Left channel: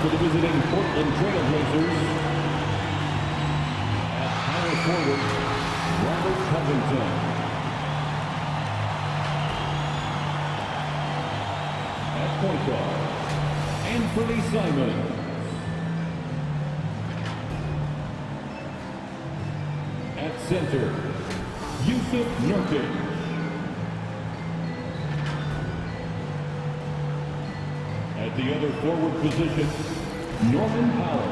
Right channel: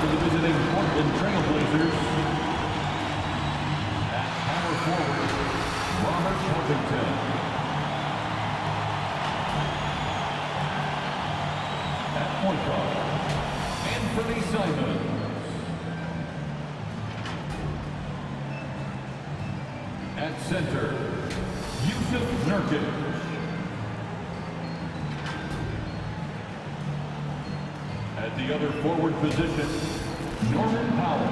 for the visiting Portland Trailblazers. At power forward, Robert Covington. At point guard, Anthony Simons. At center, Vucevic. At the other forward position, Norman Powell.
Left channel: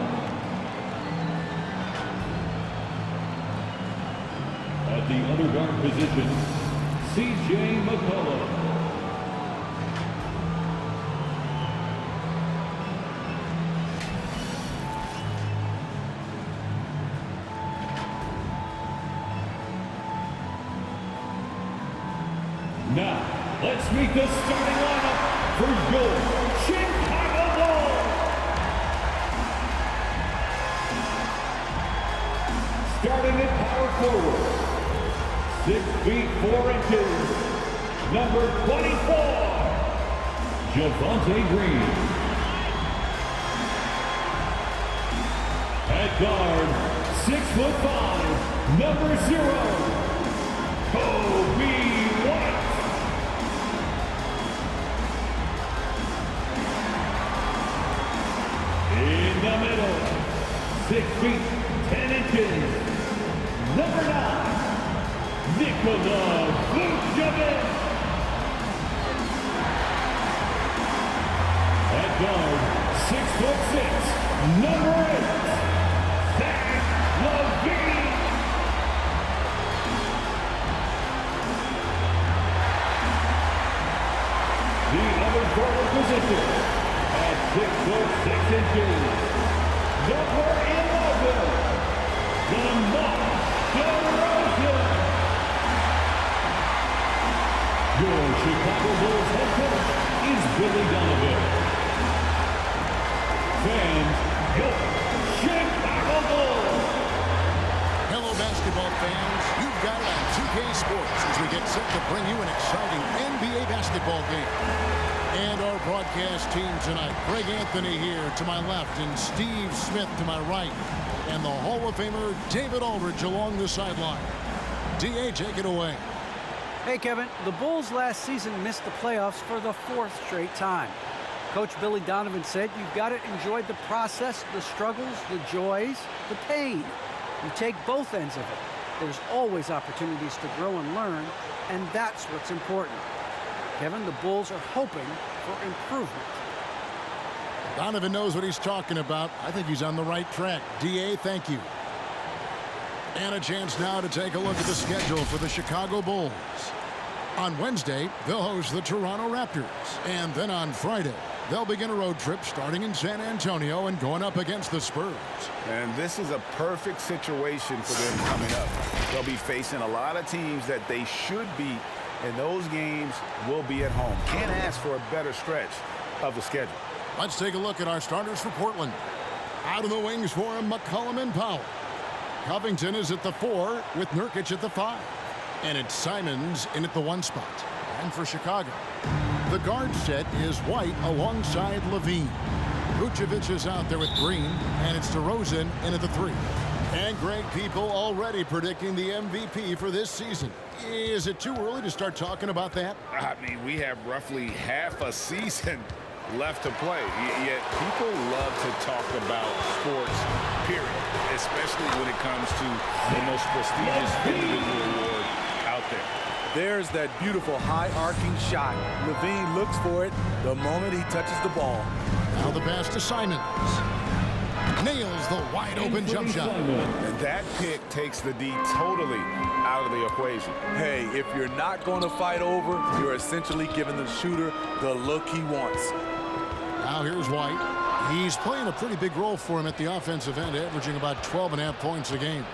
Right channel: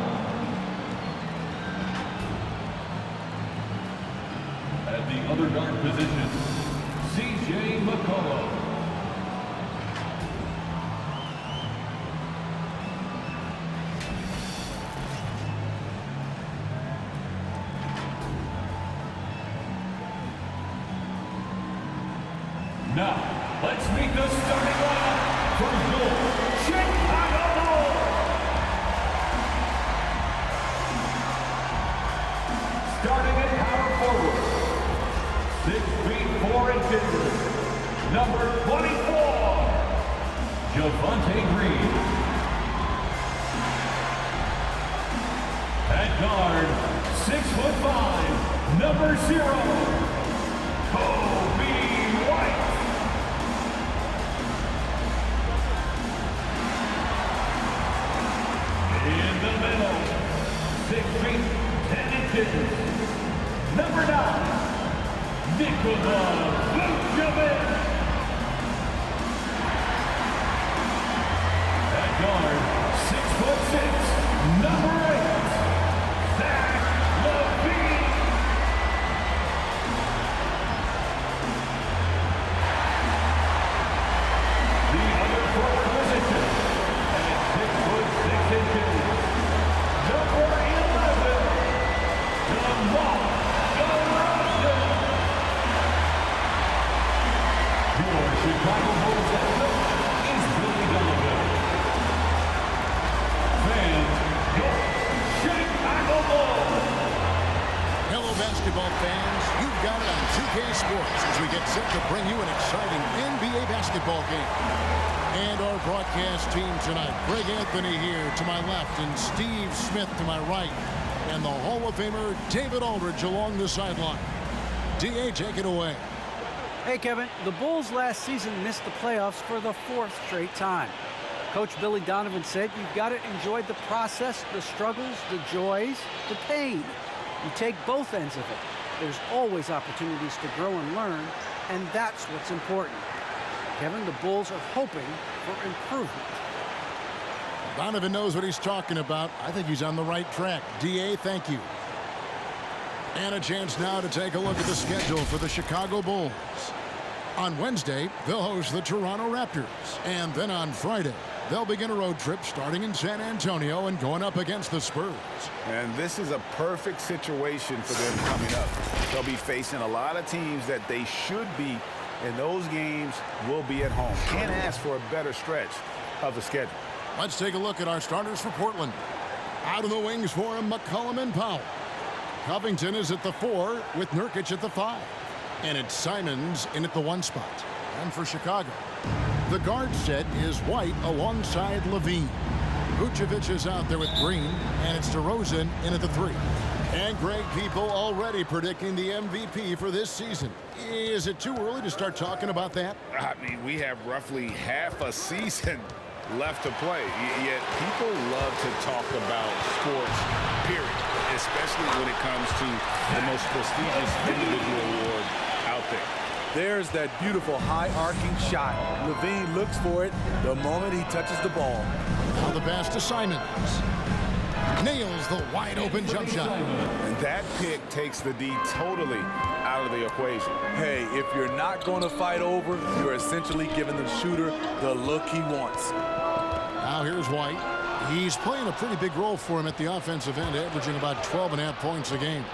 At the other guard position, C.J. McCollum. Now, let's meet the starting lineup for your Chicago Bulls. Starting at power forward, 6 feet 4 inches, number 24, Javonte Green. At guard, 6'5", number 0, Kobe White. In the middle, 6 feet 10 inches, number 9, Vucevic. At guard, 6'6", number 8, Zach LaVine. The other forward position, at 6'6" number 11, DeMar DeRozan. Your Chicago Bulls head coach is Billy Donovan. Fans, your Chicago Bulls. Hello, basketball fans. You've got it on 2K Sports as we get set to bring you an exciting NBA basketball game. And our broadcast team tonight, Greg Anthony here to my left and Steve Smith to my right. And the Hall of Famer, David Aldridge along the sideline. D.A., take it away. Hey, Kevin. The Bulls last season missed the playoffs for the 4th straight time. Coach Billy Donovan said you've got to enjoy the process, the struggles, the joys, the pain. You take both ends of it. There's always opportunities to grow and learn, and that's what's important. Kevin, the Bulls are hoping for improvement. Donovan knows what he's talking about. I think he's on the right track. D.A., thank you. And a chance now to take a look at the schedule for the Chicago Bulls. On Wednesday, they'll host the Toronto Raptors. And then on Friday, they'll begin a road trip starting in San Antonio and going up against the Spurs. And this is a perfect situation for them coming up. They'll be facing a lot of teams that they should beat, and those games will be at home. Can't ask for a better stretch of the schedule. Let's take a look at our starters for Portland. Out of the wings for him, McCollum and Powell. Covington is at the 4 with Nurkic at the 5. And it's Simons in at the 1 spot. And for Chicago, the guard set is White alongside LaVine. Vucevic is out there with Green, and it's DeRozan in at the 3. And Greg, people already predicting the MVP for this season. Is it too early to start talking about that? I mean, we have roughly half a season left to play, yet people love to talk about sports, period, especially when it comes to the most prestigious individual award out there. There's that beautiful high-arcing shot. LaVine looks for it the moment he touches the ball. Now the pass to Simons. Nails the wide-open jump shot. And that pick takes the D totally out of the equation. Hey, if you're not going to fight over, you're essentially giving the shooter the look he wants. Now here's White. He's playing a pretty big role for him at the offensive end, averaging about 12.5 points a game.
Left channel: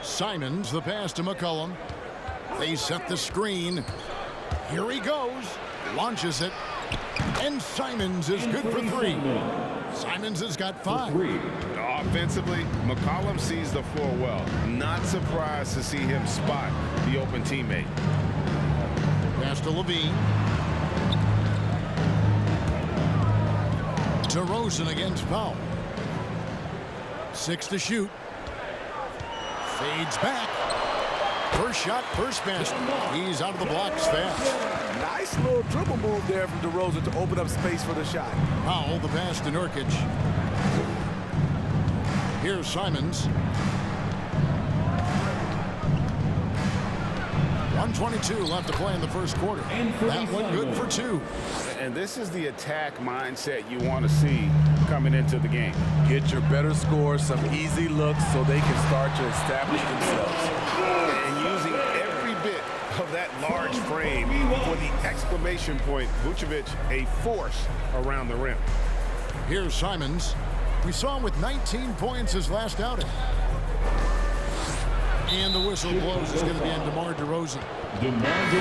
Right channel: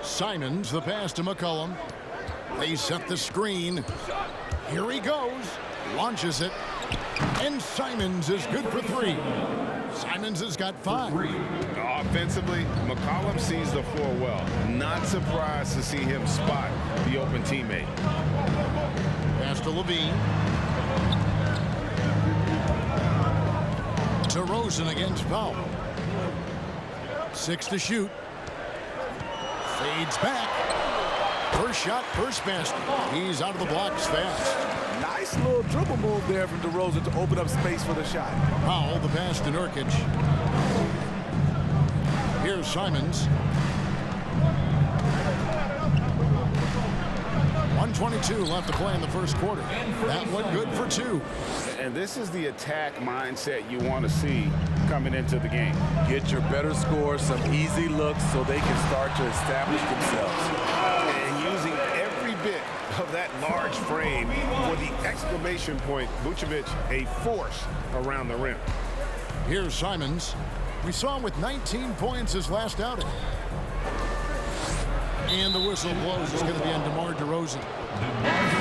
Simons, the pass to McCollum. They set the screen. Here he goes. Launches it. And Simons is good for 3. Simons has got 5. Offensively, McCollum sees the floor well. Not surprised to see him spot the open teammate. Pass to LaVine. DeRozan against Powell. 6 to shoot. Fades back. First shot, first basket. He's out of the blocks fast. Nice little dribble move there from DeRozan to open up space for the shot. Powell, the pass to Nurkic. Here's Simons. 1:22 left to play in the first quarter. That one good for 2. And this is the attack mindset you want to see coming into the game. Get your better scores, some easy looks so they can start to establish themselves. And using every bit of that large frame for the exclamation point, Vucevic, a force around the rim. Here's Simons. We saw him with 19 points his last outing. And the whistle blows. It's going to be on DeMar DeRozan.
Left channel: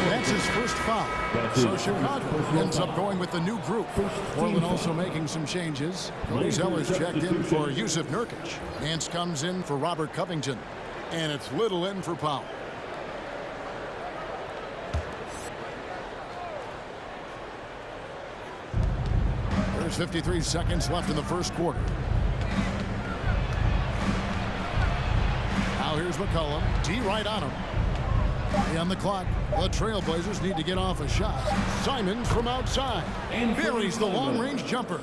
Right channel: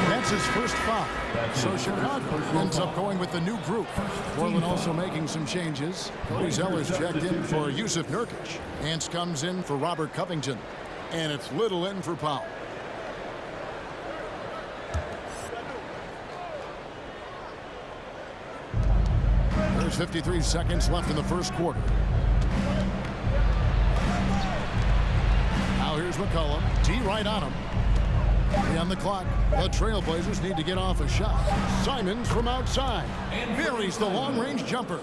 That's his first foul. So Chicago ends up going with the new group. Portland also making some changes. Cody Zeller's checked in for Yusuf Nurkic. Nance comes in for Robert Covington. And it's Little in for Powell. There's 53 seconds left in the first quarter. Now here's McCollum. D right on him. 3 on the clock. The Trailblazers need to get off a shot. Simons from outside. Buries the long-range jumper.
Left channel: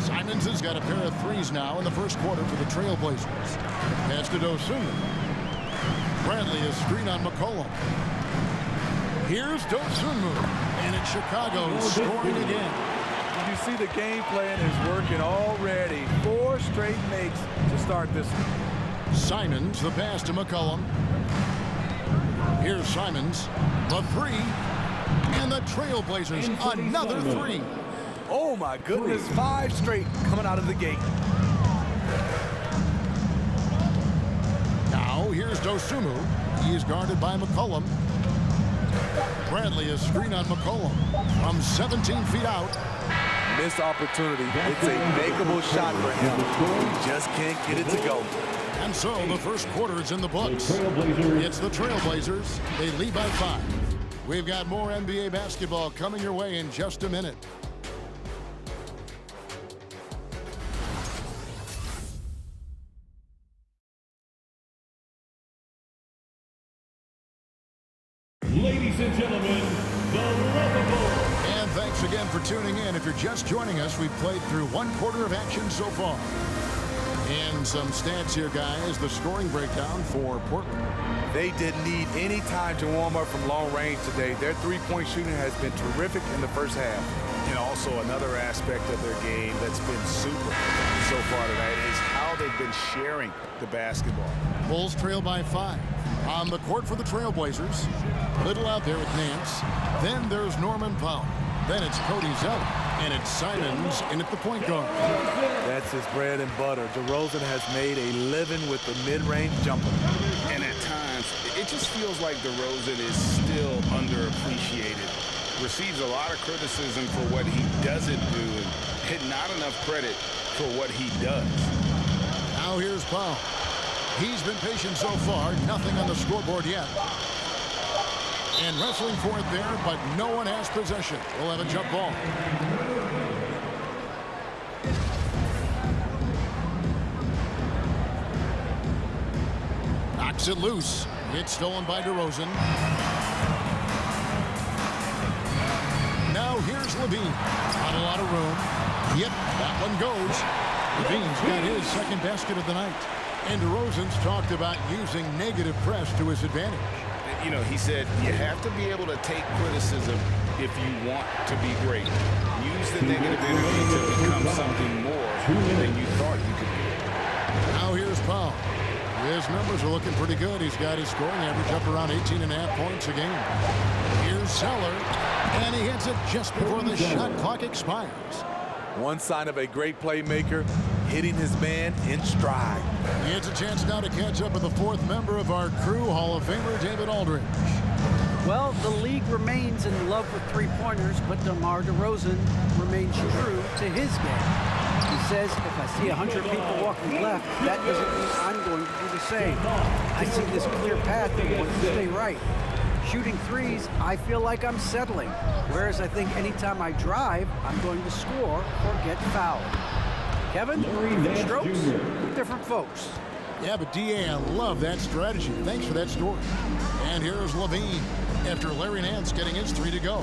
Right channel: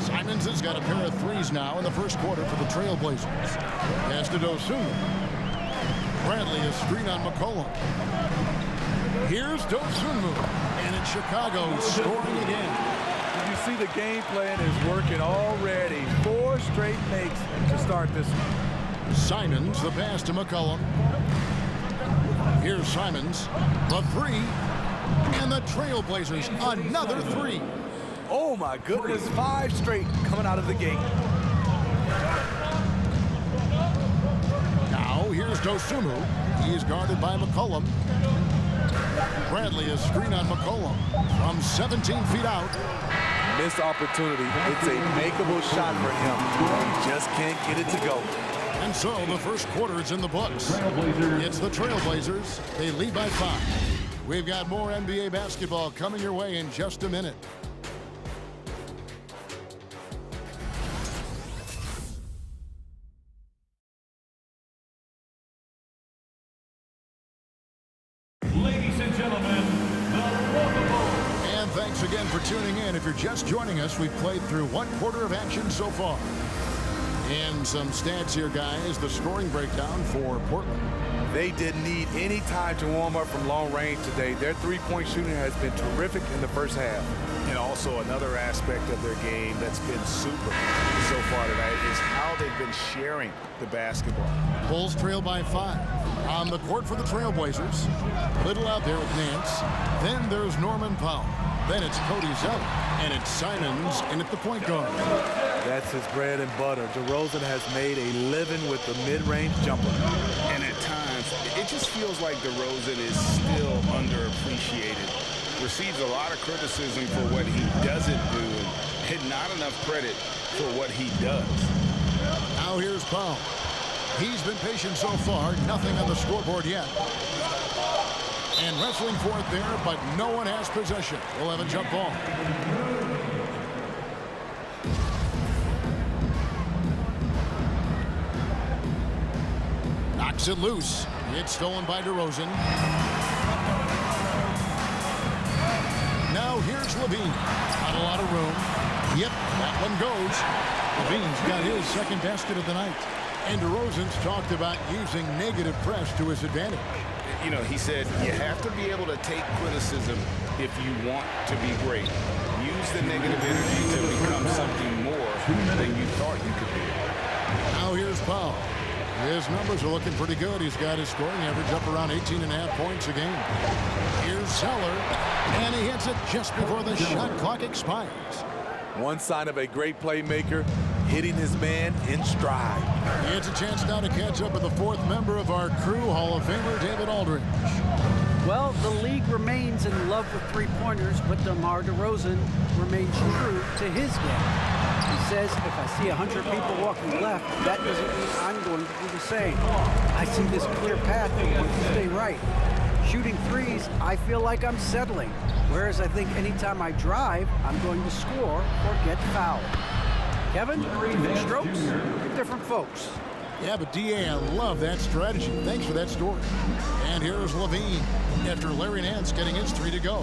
Simons has got a pair of threes now in the first quarter for the Trailblazers. Pass to Dosunmu. Bradley is screen on McCollum. Here's Dosunmu. And it's Chicago scoring again. You see the game plan is working already. 4 straight makes to start this one. Simons, the pass to McCollum. Here's Simons, the 3, and the Trailblazers another 3. Oh my goodness, 5 straight coming out of the gate. Now here's Dosunmu. He is guarded by McCollum. Bradley is screen on McCollum from 17 feet out. Missed opportunity. It's a makeable shot for him. He just can't get it to go. And so the first quarter is in the books. It's the Trailblazers. They lead by 5. We've got more NBA basketball coming your way in just a minute. Ladies and gentlemen, the lovable. And thanks again for tuning in. If you're just joining us, we've played through 1 quarter of action so far. And some stats here, guys. The scoring breakdown for Portland. They didn't need any time to warm up from long range today. Their three-point shooting has been terrific in the first half. And also another aspect of their game that's been super so far tonight is how they've been sharing the basketball. Bulls trail by 5. On the court for the Trailblazers. Little out there with Nance. Then there's Norman Powell. Then it's Cody Zeller. And it's Simons in at the point guard. That's his bread and butter. DeRozan has made a living with the mid-range jumper. And at times, it just feels like DeRozan is still underappreciated. Receives a lot of criticism for what he doesn't do and not enough credit for what he does. Now here's Powell. He's been patient so far. Nothing on the scoreboard yet. And wrestling for it there, but no one has possession. We'll have a jump ball. Knocks it loose. It's stolen by DeRozan. Now here's Levine. Not a lot of room. Yep, that one goes. Levine's got his second basket of the night. And DeRozan's talked about using negative press to his advantage. You know, he said you have to be able to take criticism if you want to be great. Use the negative energy to become something more than you thought you could be. Now here's Powell. His numbers are looking pretty good. He's got his scoring average up around 18.5 points a game. Here's Zeller, and he hits it just before the shot clock expires. One sign of a great playmaker, hitting his man in stride. He has a chance now to catch up with the 4th member of our crew, Hall of Famer David Aldridge. Well, the league remains in love with three-pointers, but DeMar DeRozan remains true to his game. He says, if I see 100 people walking left, that doesn't mean I'm going to do the same. I see this clear path and want to stay right. Shooting threes, I feel like I'm settling. Whereas I think anytime I drive, I'm going to score or get fouled. Kevin, different strokes, different folks. Yeah, but D.A., I love that strategy. Thanks for that story. And here's Levine after Larry Nance getting his 3 to go.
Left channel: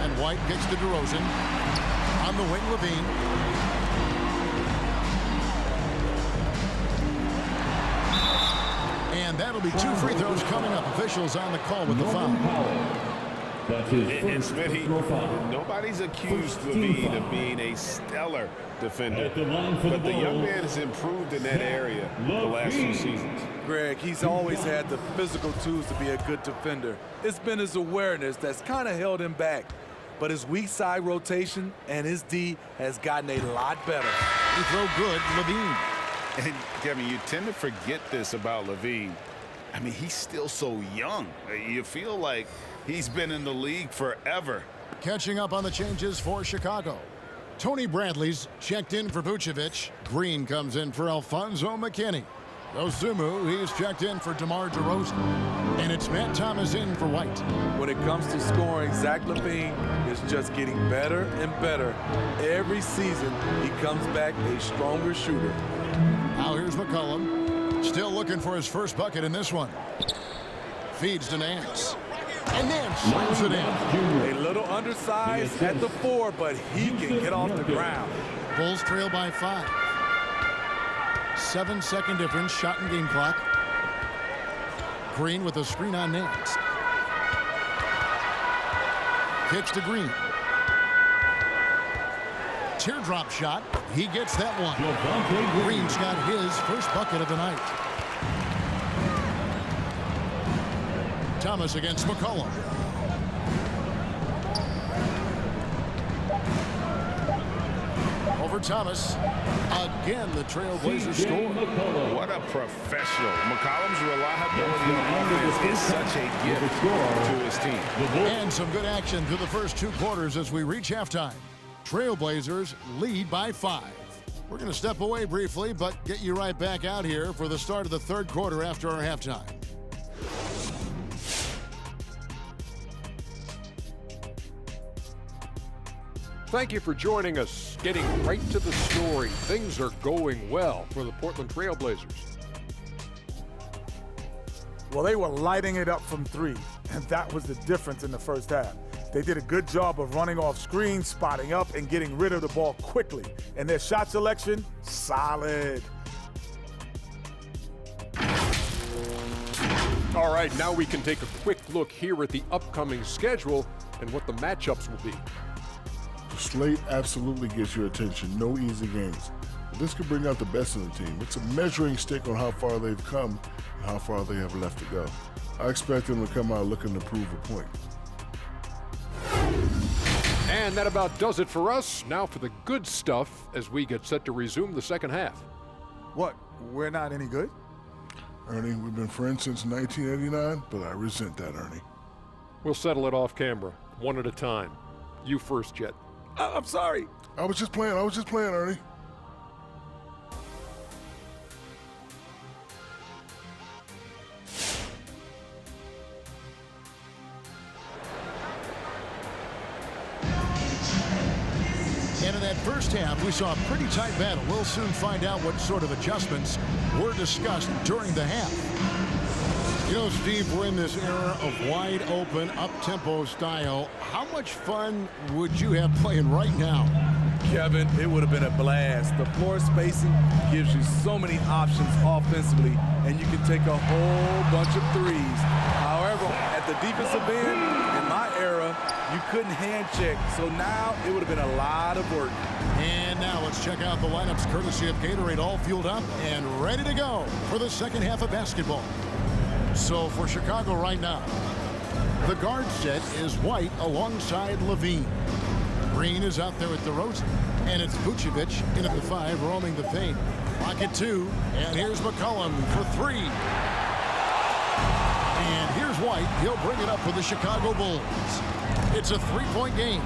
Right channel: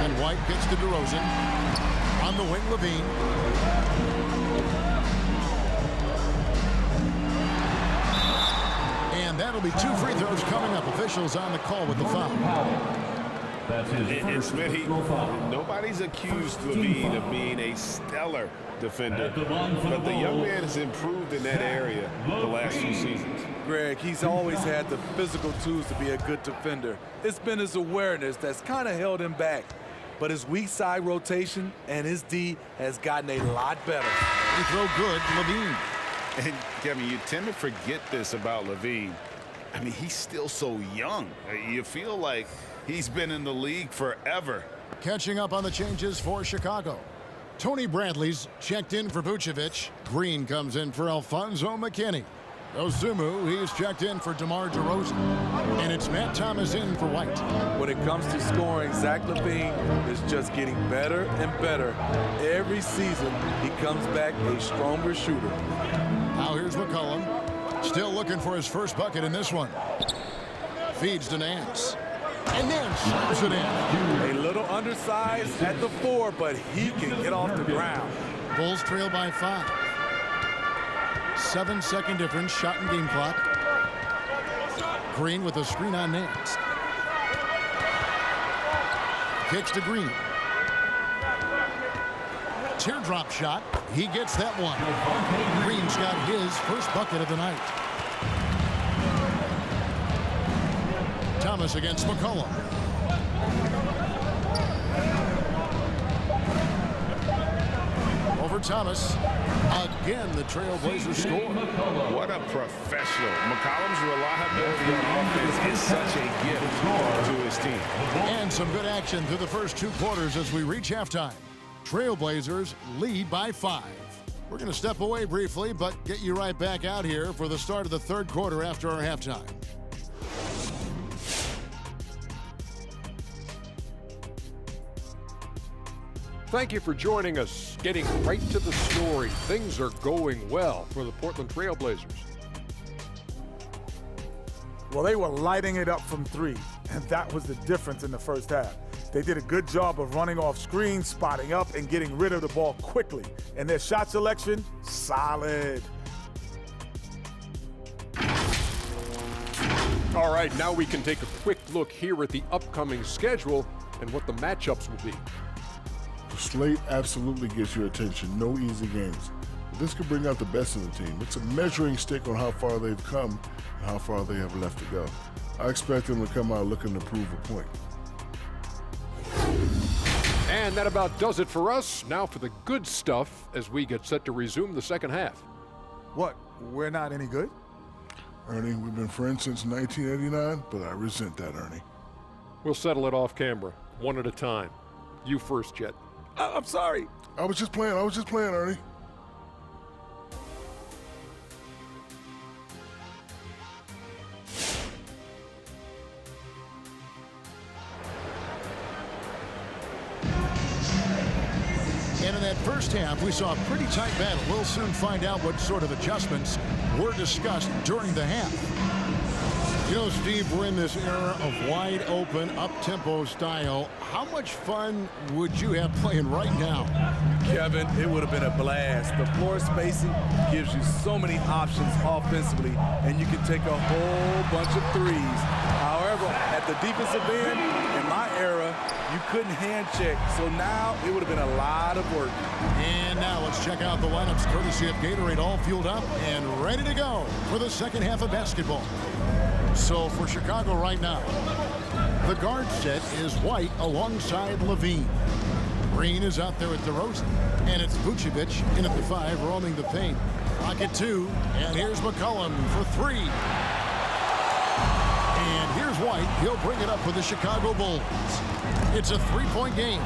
And White gets to DeRozan. On the wing, Levine. And that'll be 2 free throws coming up. Officials on the call with the foul. That's his And first Smitty, personal foul. nobody's accused Levine of being a stellar defender, At the line for but the young ball, man has improved in that area the last few seasons. Greg, he's always had the physical tools to be a good defender. It's been his awareness that's kind of held him back. But his weak side rotation and his D has gotten a lot better. Free throw good, Levine. And Kevin, you tend to forget this about Levine. I mean, he's still so young. You feel like he's been in the league forever. Catching up on the changes for Chicago. Tony Bradley's checked in for Vucevic. Green comes in for Alfonso McKinney. Osumu, he's checked in for DeMar DeRozan. And it's Matt Thomas in for White. When it comes to scoring, Zach LaVine is just getting better and better. Every season, he comes back a stronger shooter. Now here's McCollum. Still looking for his first bucket in this one. Feeds to Nance. And Nance slams it in. A little undersized at the 4, but he can get off the ground. Bulls trail by 5. 7-second difference, shot and game clock. Green with a screen on Nance. Kicks to Green. Teardrop shot. He gets that one. Green's got his first bucket of the night. Thomas against McCollum. Over Thomas. Again, the Trailblazers score. What a professional. McCollum's reliability on offense is such a gift to his team. And some good action through the first 2 quarters as we reach halftime. Trailblazers lead by 5. We're going to step away briefly, but get you right back out here for the start of the 3rd quarter after our halftime. Thank you for joining us. Getting right to the story. Things are going well for the Portland Trailblazers. Well, they were lighting it up from 3, and that was the difference in the first half. They did a good job of running off screens, spotting up, and getting rid of the ball quickly. And their shot selection, solid. All right, now we can take a quick look here at the upcoming schedule and what the matchups will be. The slate absolutely gets your attention. No easy games. But this could bring out the best in the team. It's a measuring stick on how far they've come and how far they have left to go. I expect them to come out looking to prove a point. And that about does it for us. Now for the good stuff as we get set to resume the second half. What, we're not any good? Ernie, we've been friends since 1989, but I resent that, Ernie. We'll settle it off camera, one at a time. You first, Jet. I'm sorry. I was just playing, Ernie. And in that first half, we saw a pretty tight battle. We'll soon find out what sort of adjustments were discussed during the half. You know, Steve, we're in this era of wide open, up-tempo style. How much fun would you have playing right now? Kevin, it would have been a blast. The floor spacing gives you so many options offensively, and you can take a whole bunch of threes. However, at the defensive end, in my era, you couldn't hand check, so now it would have been a lot of work. And now let's check out the lineups courtesy of Gatorade, all fueled up and ready to go for the second half of basketball. So for Chicago right now, the guard set is White alongside Levine. Green is out there at DeRozan, and it's Vucevic in at the 5, roaming the paint. Clock at 2, and here's McCollum for 3. And here's White. He'll bring it up for the Chicago Bulls. It's a 3-point game.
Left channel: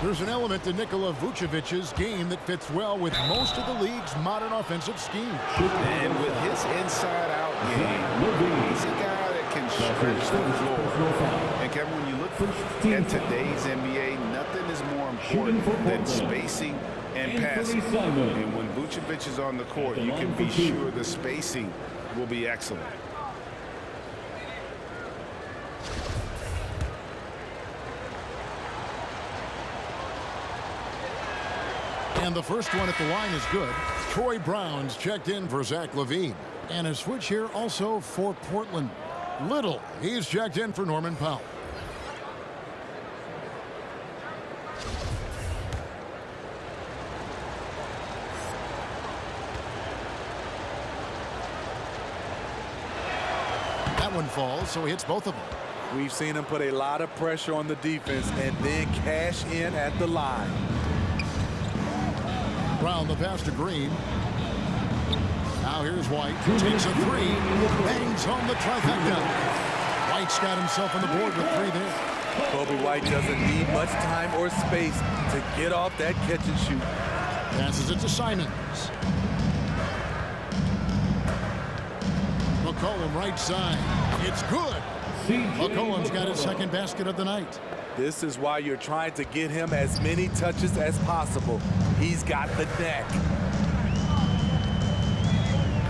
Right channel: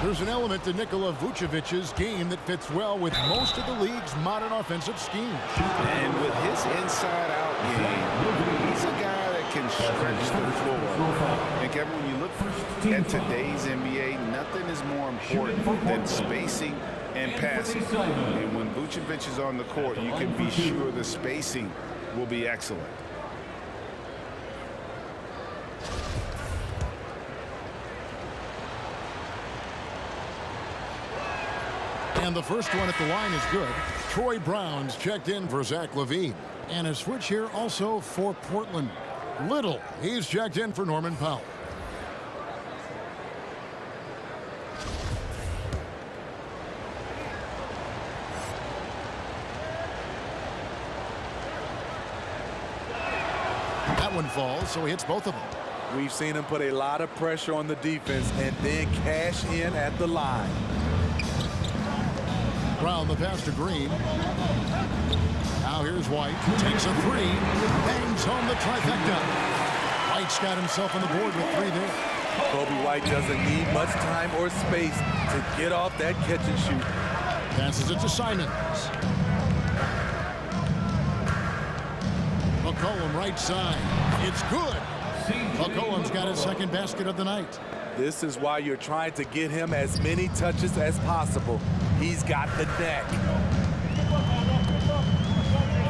There's an element to Nikola Vucevic's game that fits well with most of the league's modern offensive schemes. And with his inside-out game, he's a guy that can stretch the floor. And Kevin, when you look at today's NBA, nothing is more important than spacing and passing. And when Vucevic is on the court, you can be sure the spacing will be excellent. And the first one at the line is good. Troy Brown's checked in for Zach LaVine. And a switch here also for Portland. Little, he's checked in for Norman Powell. That one falls, so he hits both of them. We've seen him put a lot of pressure on the defense and then cash in at the line. Brown the pass to Green. Now here's White. Takes a three. Bangs home the trifecta. White's got himself on the board with three there. Kobe White doesn't need much time or space to get off that catch and shoot. Passes it to Simons. McCollum right side. It's good. McCollum's got his second basket of the night. This is why you're trying to get him as many touches as possible. He's got the neck.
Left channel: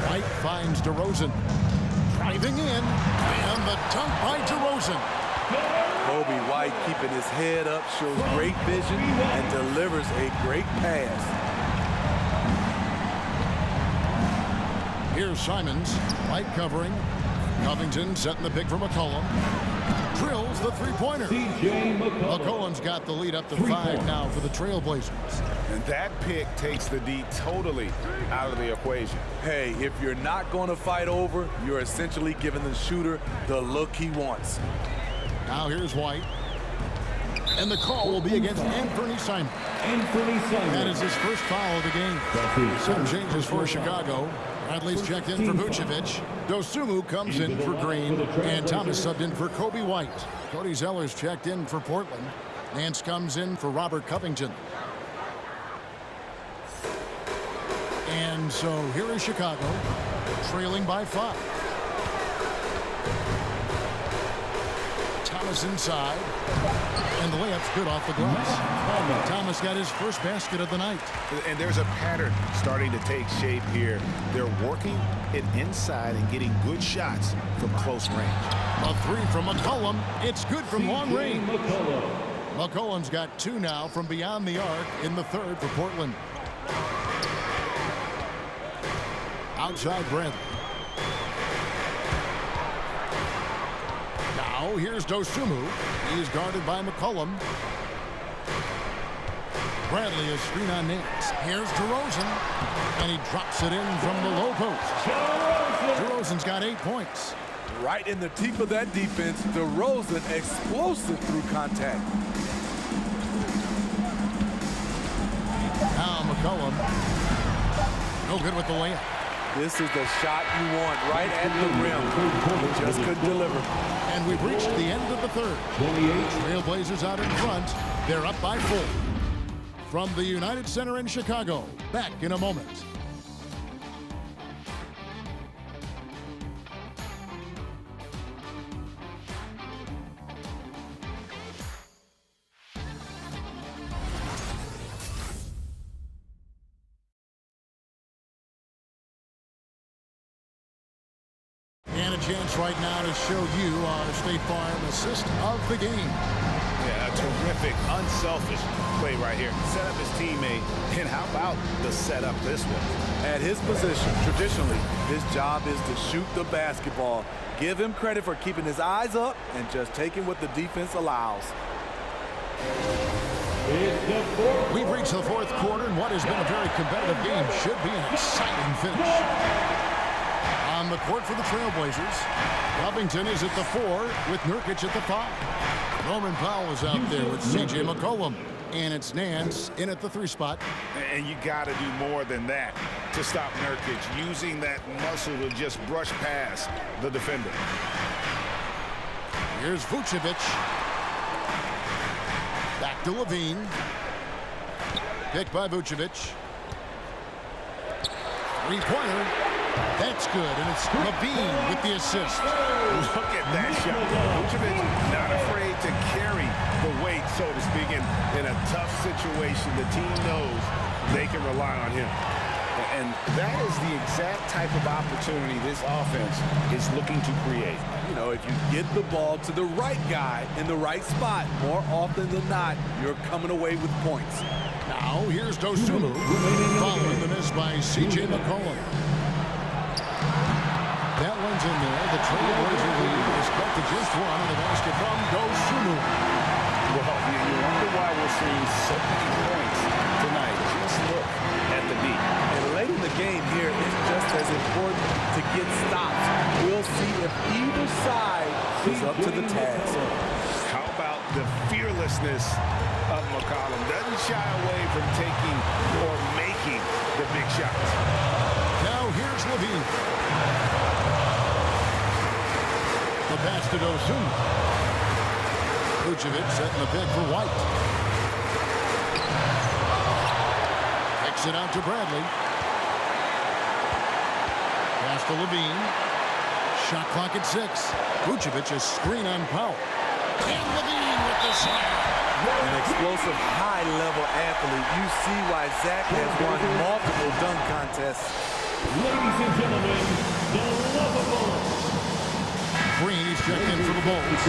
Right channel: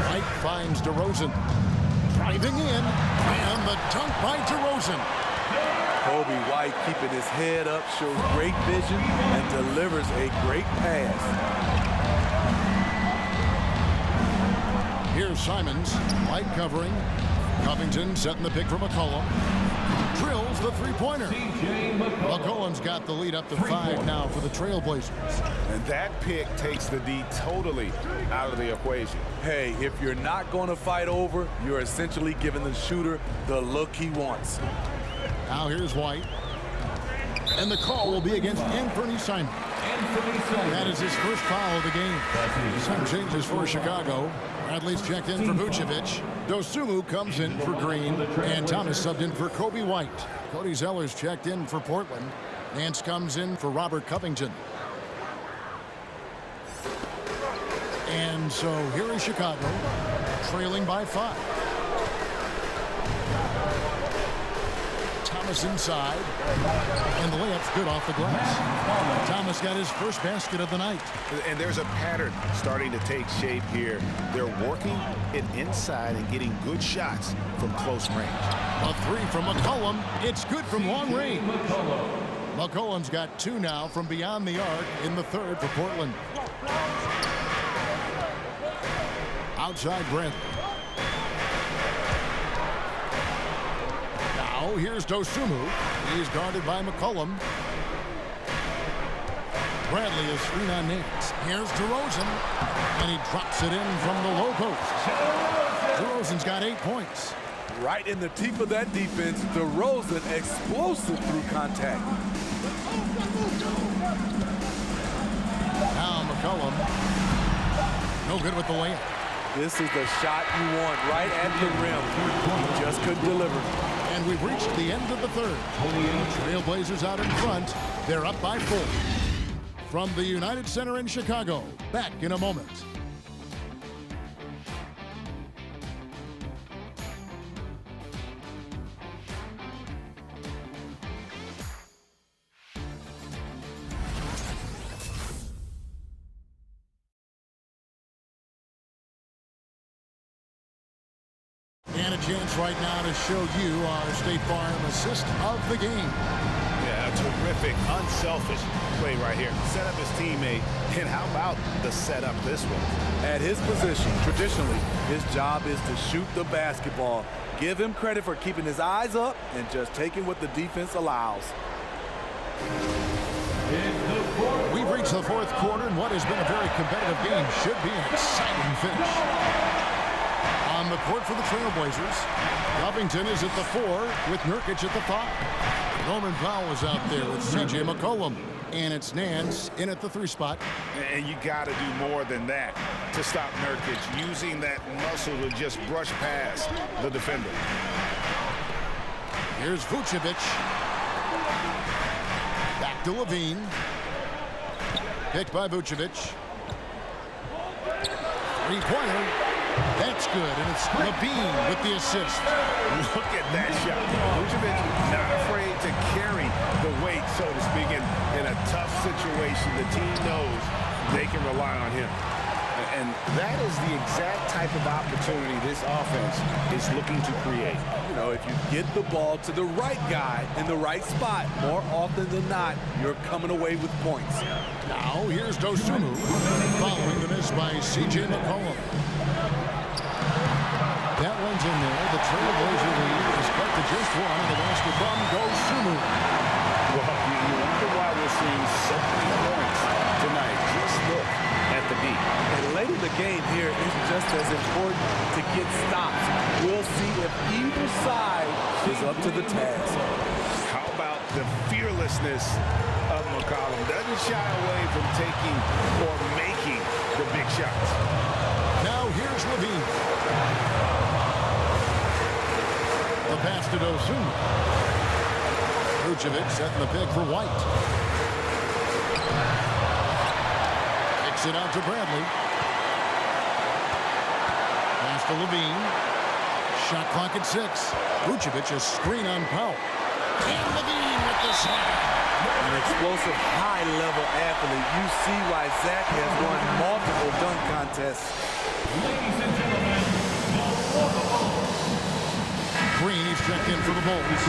White finds DeRozan. Driving in. And the dunk by DeRozan. Kobe White keeping his head up, shows great vision, and delivers a great pass. Here's Simons. White covering. Covington setting the pick for McCollum. Drills the three-pointer. McCollum's got the lead up to 5 now for the Trailblazers. And that pick takes the D totally out of the equation. Hey, if you're not going to fight over, you're essentially giving the shooter the look he wants. Now here's White. And the call will be against Anthony Simons. That is his first foul of the game. Some changes for Chicago. Bradley's checked in for Vucevic. Dosunmu comes in for Green. And Thomas subbed in for Kobe White. Cody Zeller's checked in for Portland. Nance comes in for Robert Covington. And so here is Chicago, trailing by 5. Thomas inside, and the layup's good off the glass. Thomas got his first basket of the night. And there's a pattern starting to take shape here. They're working it inside and getting good shots from close range. A three from McCollum. It's good from long range. McCollum's got 2 now from beyond the arc in the third for Portland. Outside Bradley. Now here's Dosunmu. He's guarded by McCollum. Bradley is screen on Nance. Here's DeRozan. And he drops it in from the low post. DeRozan's got 8 points. Right in the teeth of that defense, DeRozan explosive through contact. Now McCollum. No good with the layup. This is the shot you want right at the rim. He just couldn't deliver. And we've reached the end of the third. Trailblazers out in front. They're up by 4. From the United Center in Chicago. Back in a moment. And a chance right now to show you our State Farm assist of the game. Yeah, a terrific, unselfish play right here. Set up his teammate, and how about the setup this was? At his position, traditionally, his job is to shoot the basketball. Give him credit for keeping his eyes up and just taking what the defense allows. We've reached the fourth quarter, and what has been a very competitive game should be an exciting finish. On the court for the Trailblazers, Covington is at the 4 with Nurkic at the 5. Norman Powell is out there with C.J. McCollum. And it's Nance in at the 3 spot. And you got to do more than that to stop Nurkic, using that muscle to just brush past the defender. Here's Vucevic. Back to LaVine. Picked by Vucevic. Three-pointer. That's good, and it's Levine with the assist. Look at that shot. Vucevic not afraid to carry the weight, so to speak, in a tough situation. The team knows they can rely on him. And that is the exact type of opportunity this offense is looking to create. You know, if you get the ball to the right guy in the right spot, more often than not, you're coming away with points. Now, here's Dosunmu, following the miss by C.J. McCollum. That one's in there. The Trailblazer lead is cut to just one on the basket from Dosunmu. Well, you wonder why we're seeing so many points tonight. Just look at the D. And late in the game here, it's just as important to get stops. We'll see if either side is up to the task. How about the fearlessness of McCollum? Doesn't shy away from taking or making the big shots. Now here's Levine. The pass to Dosunmu. Vucevic setting the pick for White. Kicks it out to Bradley. Pass to Levine. Shot clock at 6. Vucevic a screen on Powell. And Levine with the slam. An explosive, high-level athlete. You see why Zach has won multiple dunk contests. Ladies and gentlemen, the lovable. Green, he's checked in for the Bulls.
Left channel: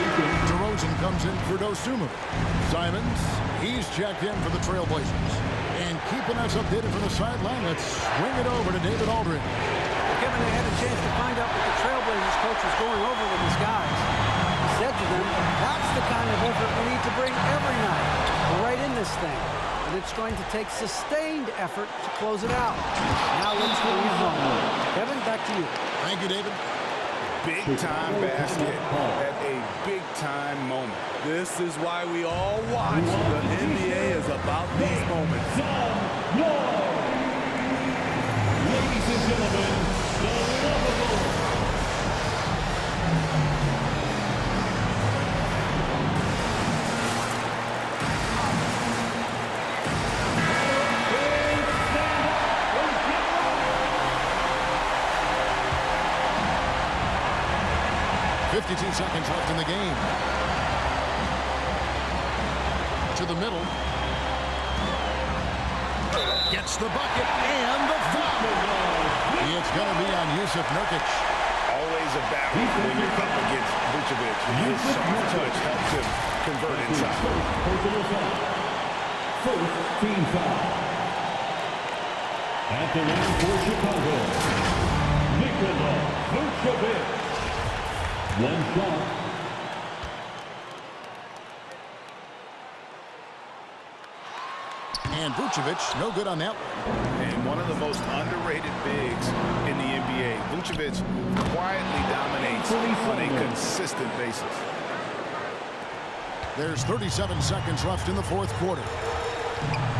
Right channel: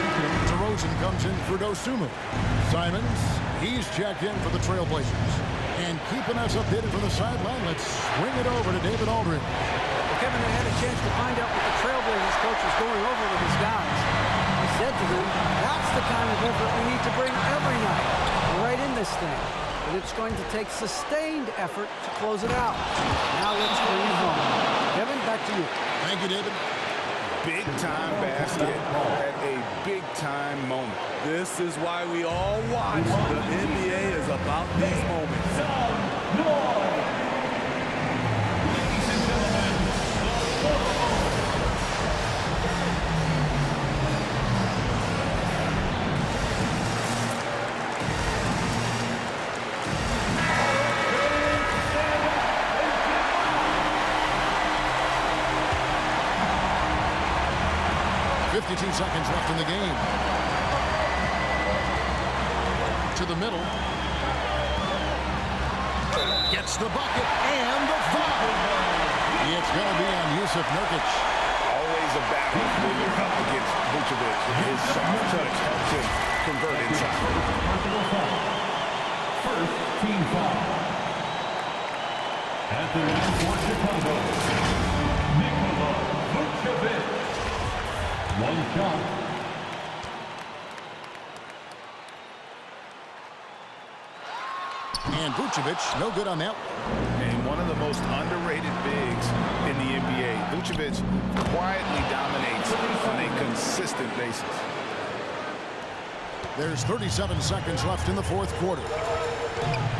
DeRozan comes in for Dosunmu. Simons, he's checked in for the Trailblazers. And keeping us updated from the sideline, let's swing it over to David Aldridge. Well, Kevin, I had a chance to find out what the Trailblazers coach was going over with his guys. He said to them, that's the kind of effort we need to bring every night. We're right in this thing. But it's going to take sustained effort to close it out. Now let's bring it home. Kevin, back to you. Thank you, David. Big-time basket at a big-time moment. This is why we all watch. The NBA is about these moments. Ladies and gentlemen, the lovable. Stand up and get loud. 52 seconds left in the game. To the middle. Gets the bucket and the foul. It's going to be on Jusuf Nurkic. Always a battle when you're up against Vucevic. His soft touch helps him convert inside. Personal foul. First team foul. At the line for Chicago, Nikola Vucevic. One shot. And Vucevic, no good on that one. And one of the most underrated bigs in the NBA. Vucevic quietly dominates on a consistent basis. There's 37 seconds left in the fourth quarter.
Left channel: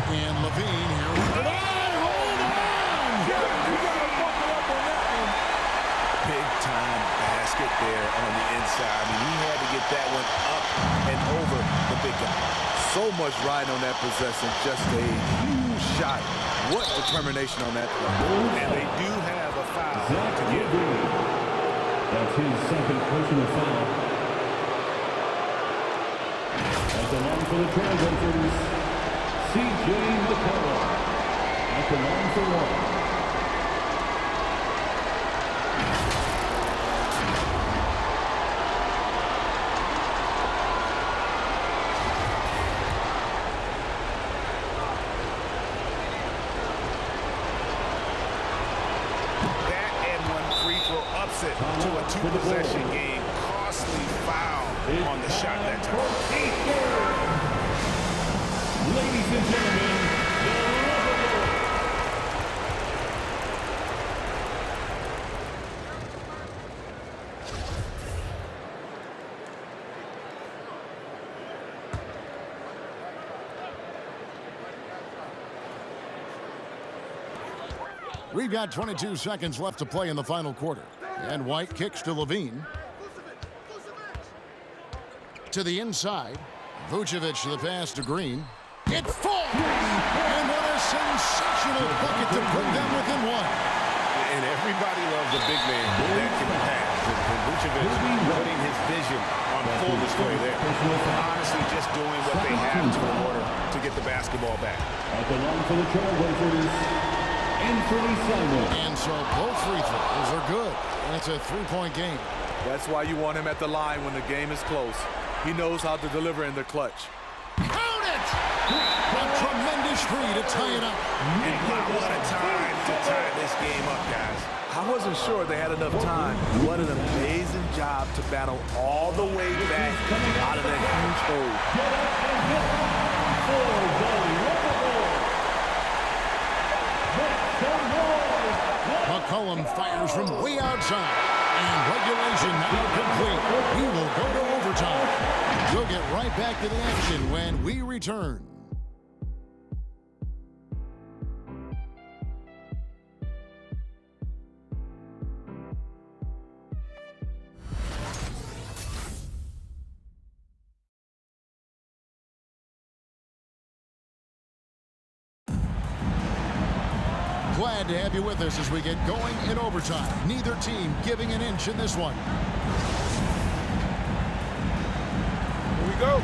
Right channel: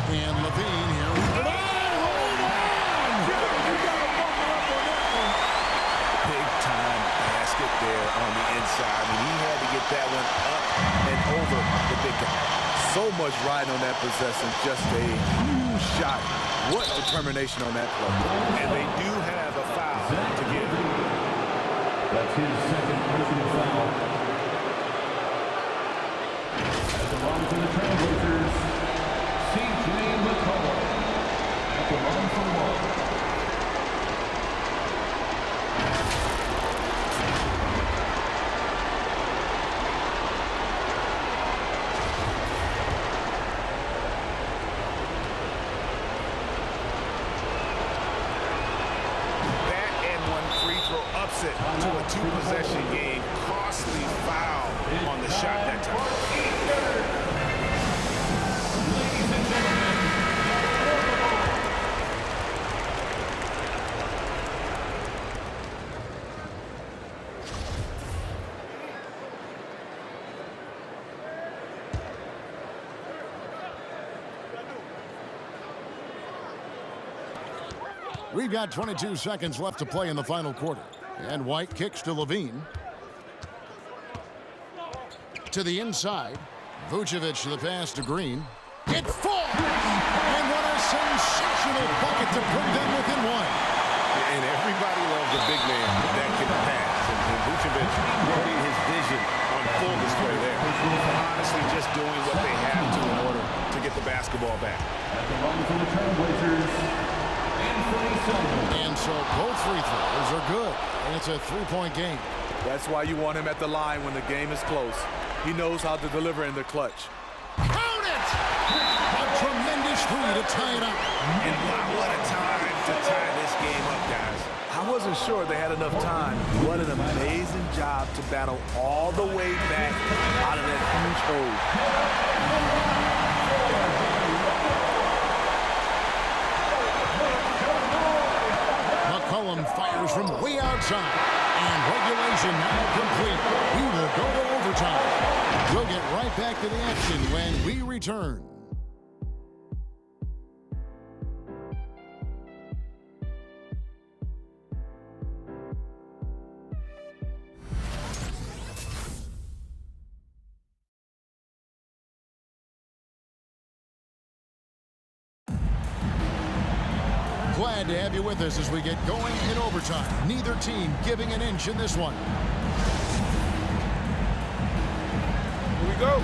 And Levine here. Hold on! Kevin, you got to buckle up on that one. Big-time basket there on the inside. I mean, he had to get that one up and over the big guy. So much riding on that possession. Just a huge shot. What determination on that play. And they do have a foul to give. That's his second personal foul. At the line for the Trailblazers, C.J. McCollum. At the line for one. Upset to a two-possession game. Costly foul on the shot that time. Ladies and gentlemen, We've got 22 seconds left to play in the final quarter. And White kicks to Levine. To the inside. Vucevic the pass to Green. It falls! And what a sensational bucket to put them within one. And everybody loves a big man that can pass. And Vucevic putting his vision on full display there. Honestly, just doing what they have to in order to get the basketball back. At the line for the Trailblazers, Anthony Simon. And so both free throws are good. And it's a three-point game. That's why you want him at the line when the game is close. He knows how to deliver in the clutch. Count it! A tremendous three to tie it up. And wow, what a time to tie this game up, guys. I wasn't sure they had enough time. What an amazing job to battle all the way back out of that huge hole. McCollum fires from way outside. And regulation now complete. We will go to overtime. We'll get right back to the action when we return. Glad to have you with us as we get going in overtime. Neither team giving an inch in this one. Here we go.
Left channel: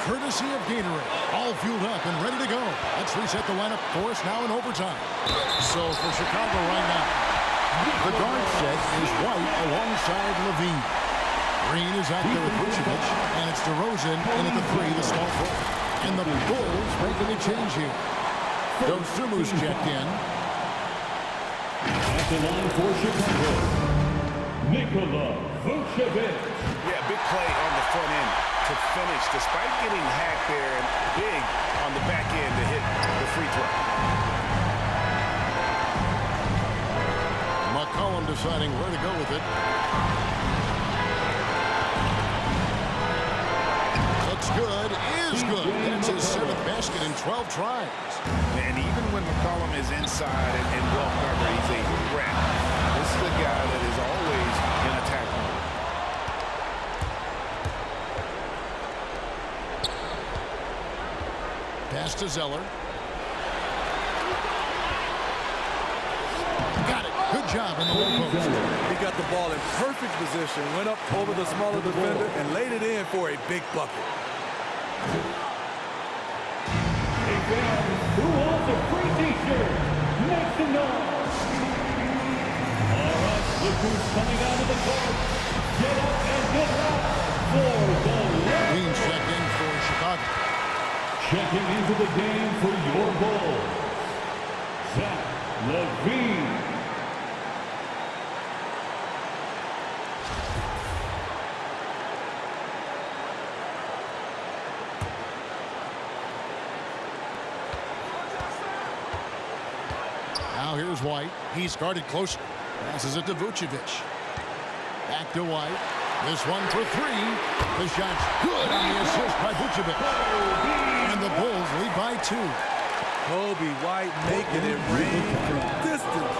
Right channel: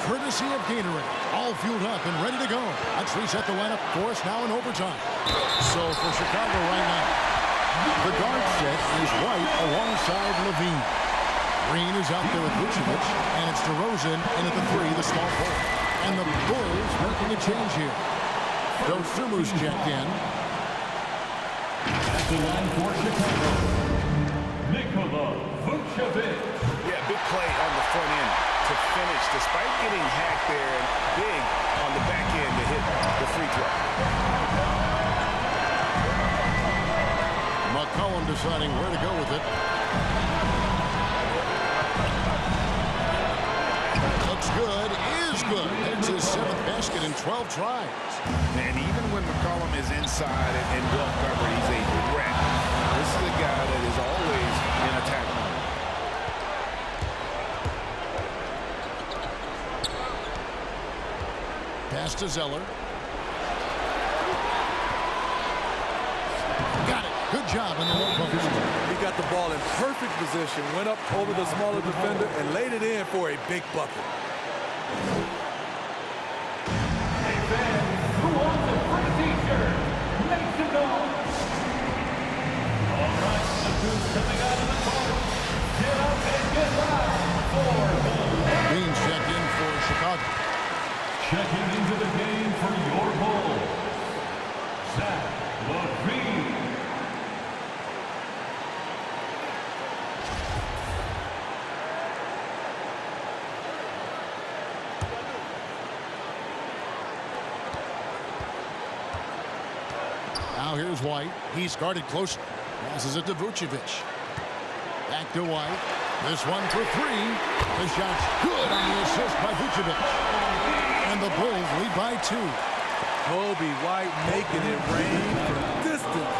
Courtesy of Gatorade, all fueled up and ready to go. Let's reset the lineup for us now in overtime. So for Chicago right now, the guard set is White alongside Levine. Green is out there with Vucevic, and it's DeRozan in at the three, the small forward. And the Bulls making a change here. Dosumu's checked in. At the line for Chicago, Nikola Vucevic. Yeah, big play on the front end to finish, despite getting hacked there, and big on the back end to hit the free throw. McCollum deciding where to go with it. Looks good, is good. That's his 7th basket in 12 tries. And even when McCollum is inside and well covered, he's a threat. This is a guy that is always in attack mode. Pass to Zeller. Got it. Good job in the low post. He got the ball in perfect position, went up over the smaller defender, and laid it in for a big bucket. Hey fans, who wants a free t-shirt? Make some noise. All right, look who's coming out of the court. Get up and get loud for the Beans check in for Chicago. Checking into the game for your Bulls, Zach LaVine. Now here's White. He's guarded closer. Passes it to Vucevic. Back to White. This one for three. The shot's good on the assist by Vucevic. And the Bulls lead by 2. Kobe White making it rain from distance.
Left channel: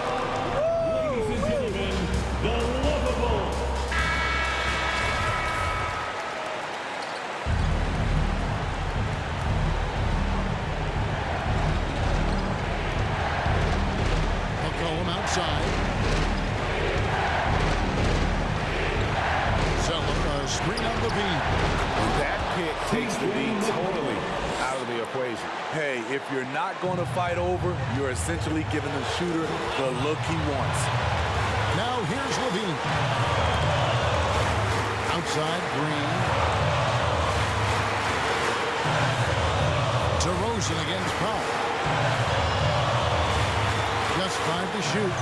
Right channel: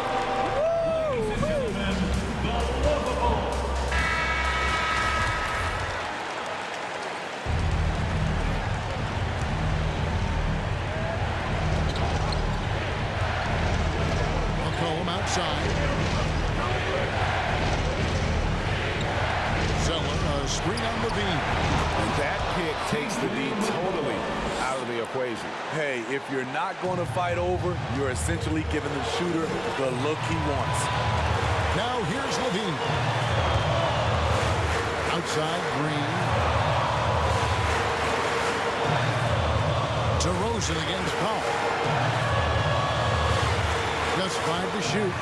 Ladies and gentlemen, the lovable. McCollum outside. Zeller, a screen on Levine. And that pick takes the D totally out of the equation. Hey, if you're not going to fight over, you're essentially giving the shooter the look he wants. Now here's Levine. Outside, Green. DeRozan against Powell. Just 5 to shoot.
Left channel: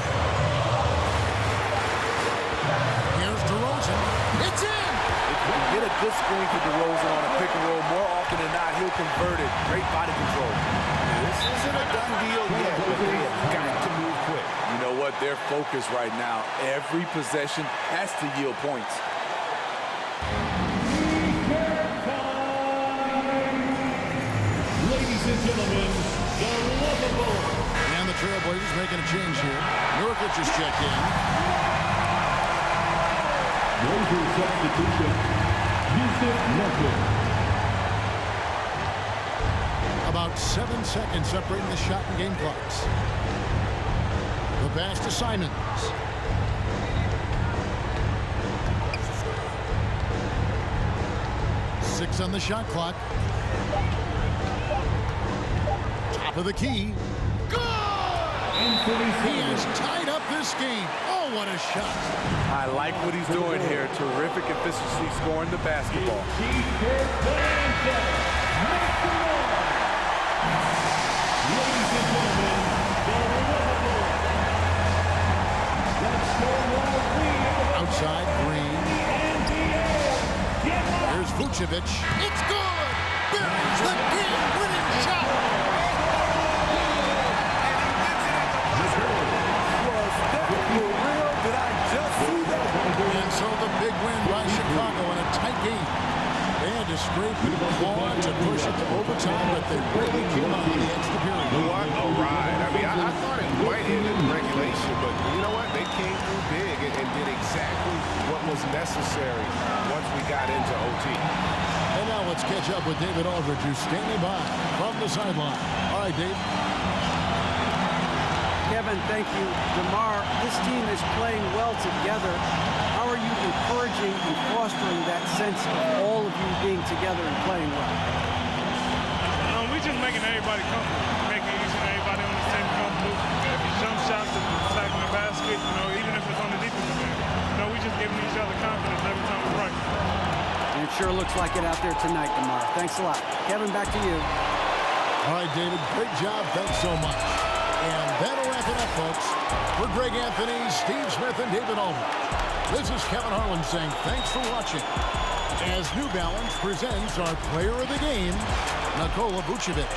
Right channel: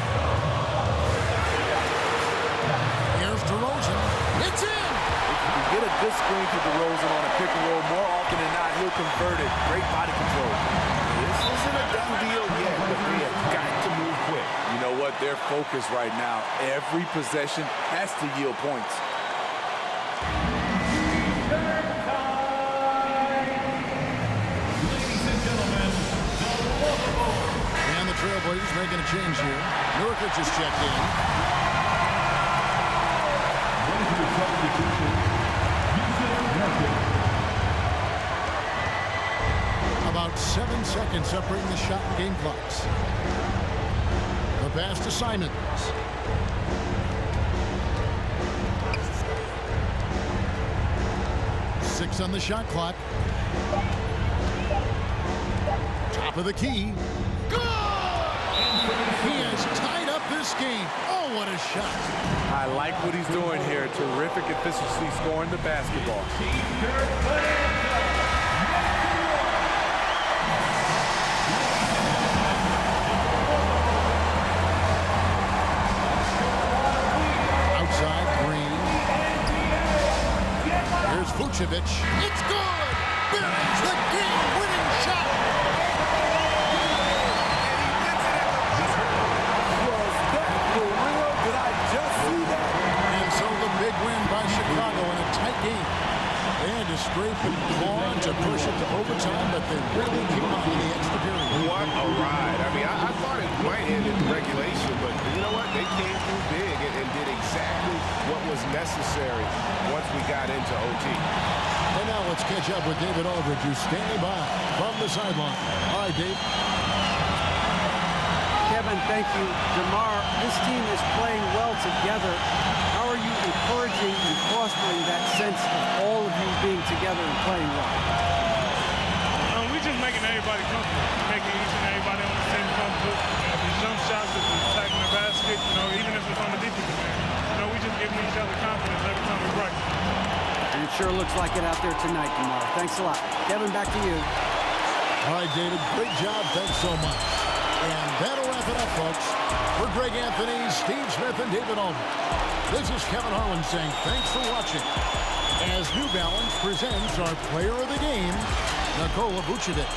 Here's DeRozan. It's in! If you can get a good screen for DeRozan on a pick and roll, more often than not, he'll convert it. Great body control. This isn't a done deal yet, but they have got to move quick. You know what? They're focused right now. Every possession has to yield points. T-shirt time! Ladies and gentlemen, the lovable. And the Trailblazers making a change here. Nurkic is checked in. Blazers substitution, Vucevic. About 7 seconds separating the shot and game clocks. The pass to Simons. Six on the shot clock. Top of the key. Good! He has tied up this game. Oh, what a shot. I like what he's doing here. Terrific efficiency scoring the basketball. Outside, Green. Here's Vucevic. It's good! Buries the game-winning shot! And he wins it at the buzzer. Was that for real? Did I just see that? And so the big win by Chicago in a tight game. They had to scrape and claw to push it to overtime, but they really came on in the extra period. What a ride. I mean, I thought it might end in regulation, but you know what? They came through big and did exactly what was necessary once we got into OT. And now let's catch up with David Aldridge, who's standing by from the sideline. All right, Dave. Kevin, thank you. DeMar, this team is playing well together. How are you encouraging and fostering that sense of all of you being together and playing well? We're just making everybody comfortable. Making each and everybody on the team comfortable. If it's jump shots, if it's attacking the basket, even if it's on the defensive end, we just giving each other confidence every time we practice. And it sure looks like it out there tonight, DeMar. Thanks a lot. Kevin, back to you. All right, David, great job. Thanks so much. And that'll wrap it up, folks. For Greg Anthony, Steve Smith, and David Aldridge, this is Kevin Harlan saying thanks for watching as New Balance presents our player of the game, Nikola Vucevic.